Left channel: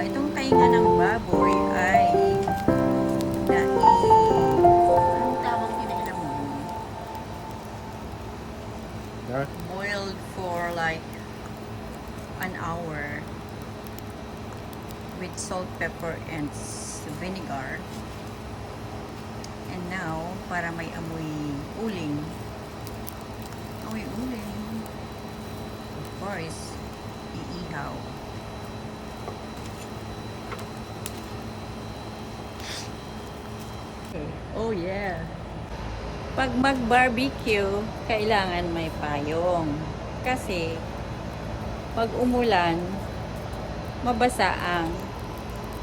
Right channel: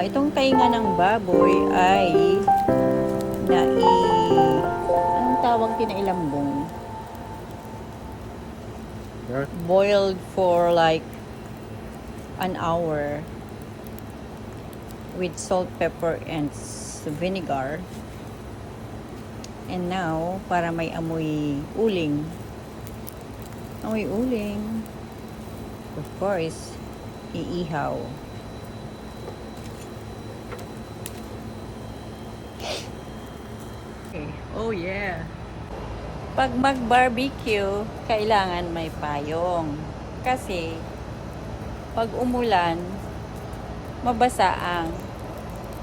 Itong tainga ng baboy ay anong tawag kinailambong? Boiled for like an hour with salt, pepper, and vinegar. And now, para may amoy uling. Amoy uling. Of course, iihaw. Okay. Oh yeah. Pag mag-barbecue, kailangan may payong. Kasi, pag umulan, mabasa ang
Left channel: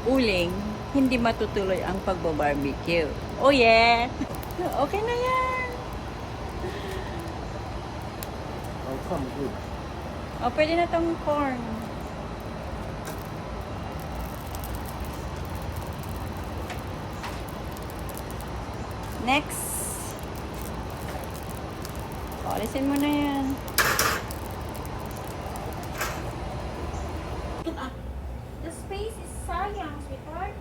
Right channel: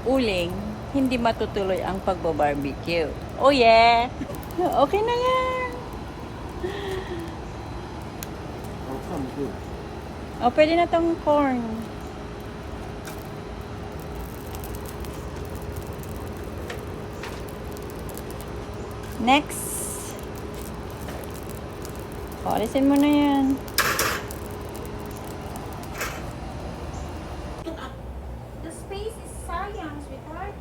uling, hindi matutuloy ang pagbo-barbecue. Oh yeah! Okay na yan! How come good? Oh, pwede na itong corn. Next. O, alisin mo na yan. The space is sayang, sweetheart.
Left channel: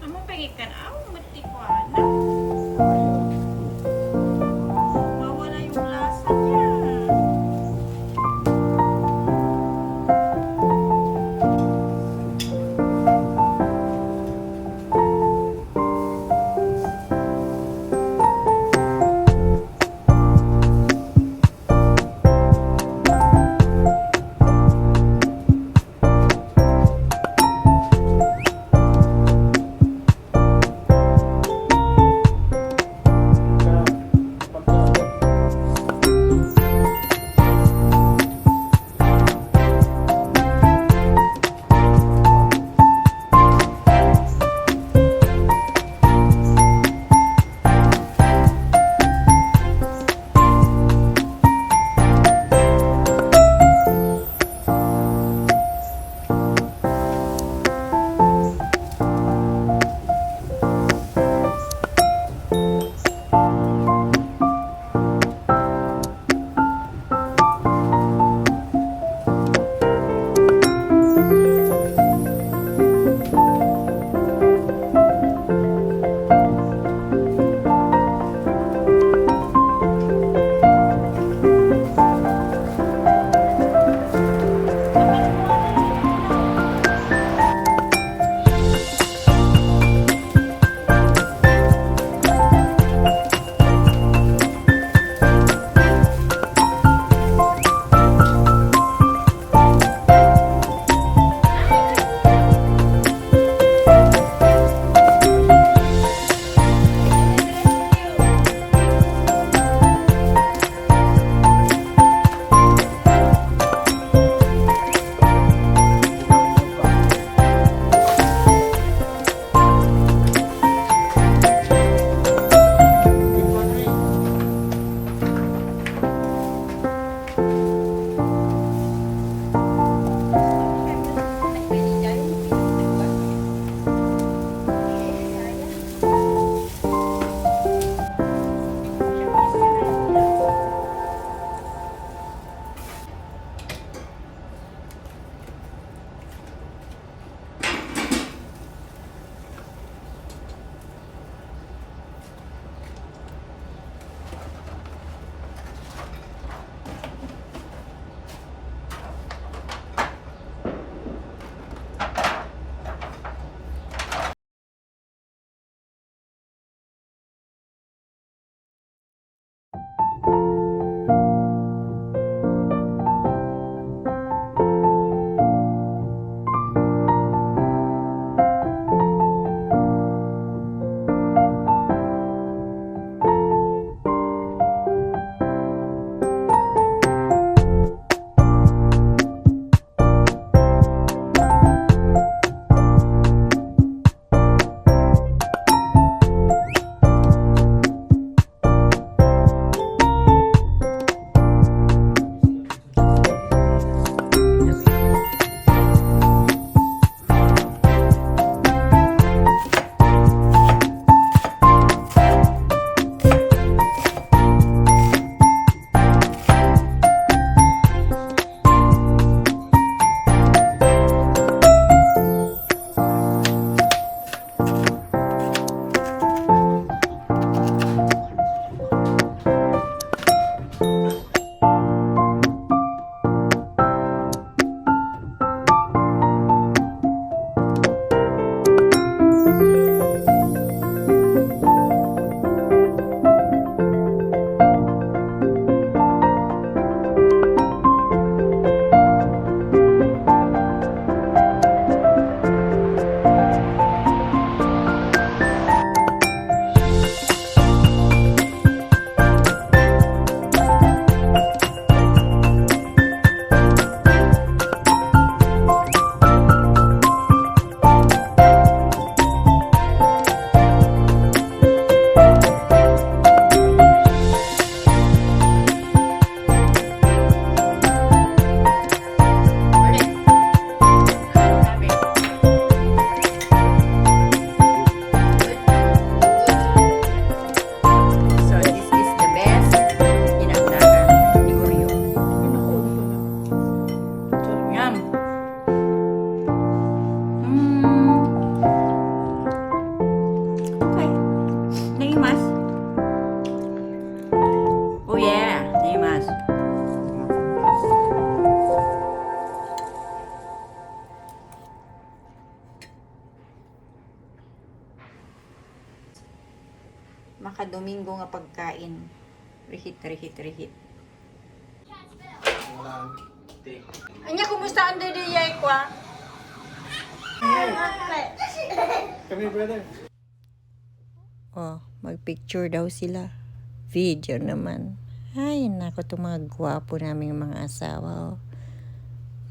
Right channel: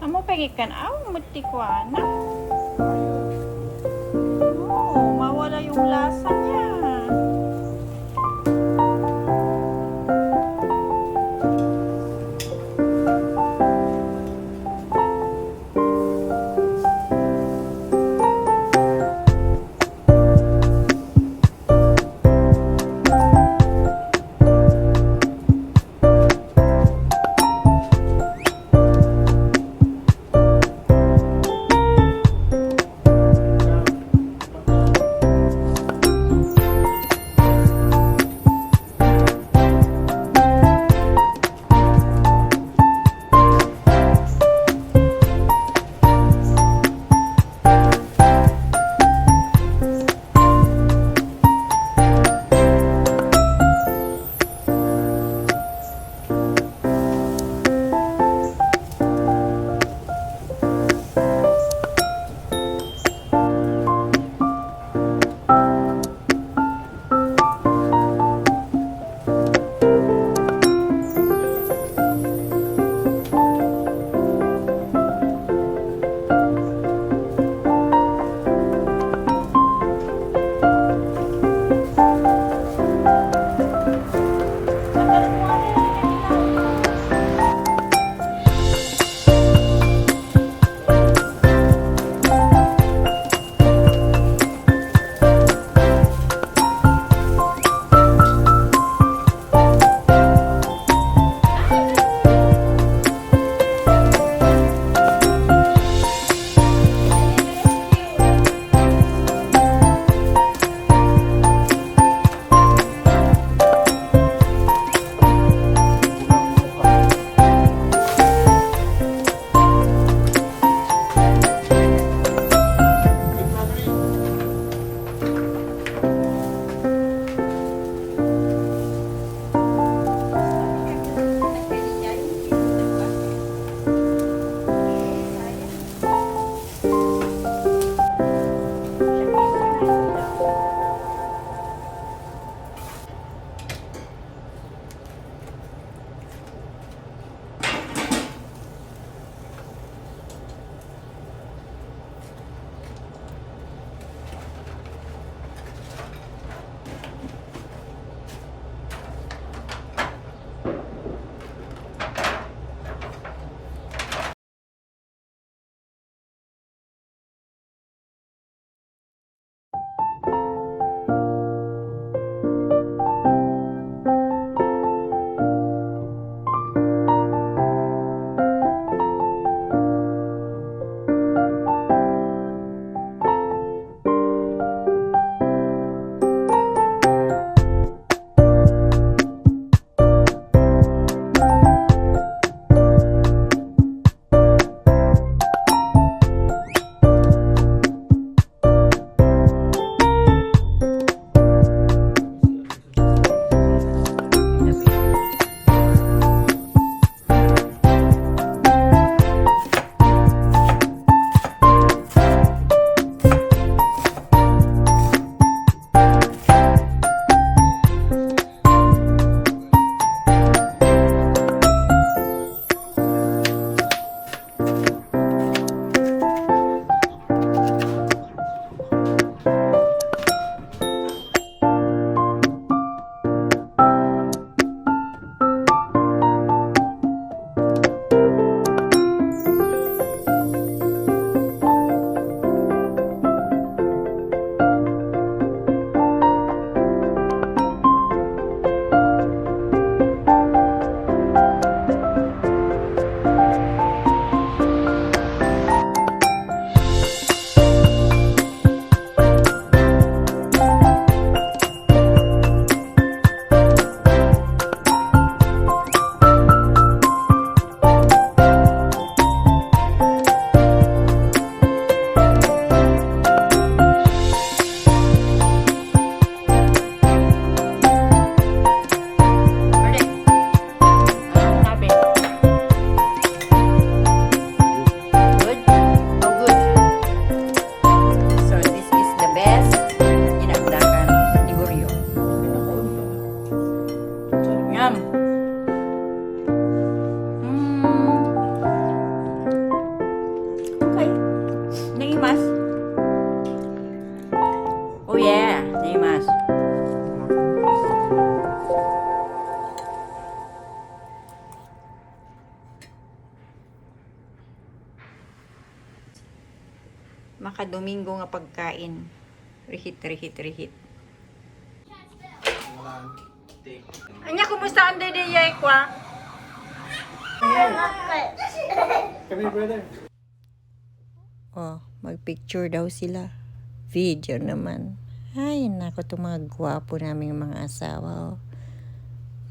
Amo pagikan muti ko na. Oh, mawala yung lasa niya. yeah, Dimas. Makadomingo nga pagkain. Rihit. Anya, kumusta ang dede kwa? Come here, brother. Oh, magpicture daw sila. Video naman. Ay, nako, itong mga gwapo naming mga asawa. Oh.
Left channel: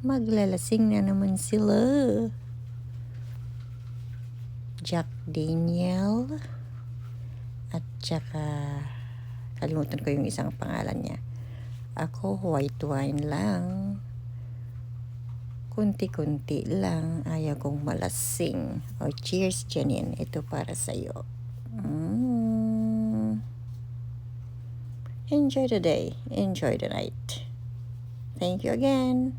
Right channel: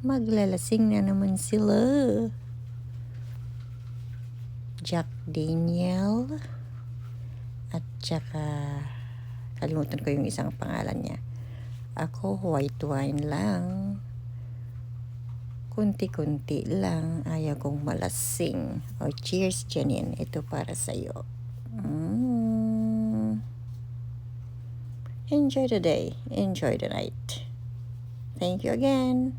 Maglalasing na naman sila. Jack Daniel. At saka, kalimutan ko yung isang pangalan niya. Ako, white wine lang. Kunti-kunti lang. Ayaw kong malasing. Oh, cheers, Janine. Ito para sa'yo. Enjoy the day. Enjoy the night. Thank you again.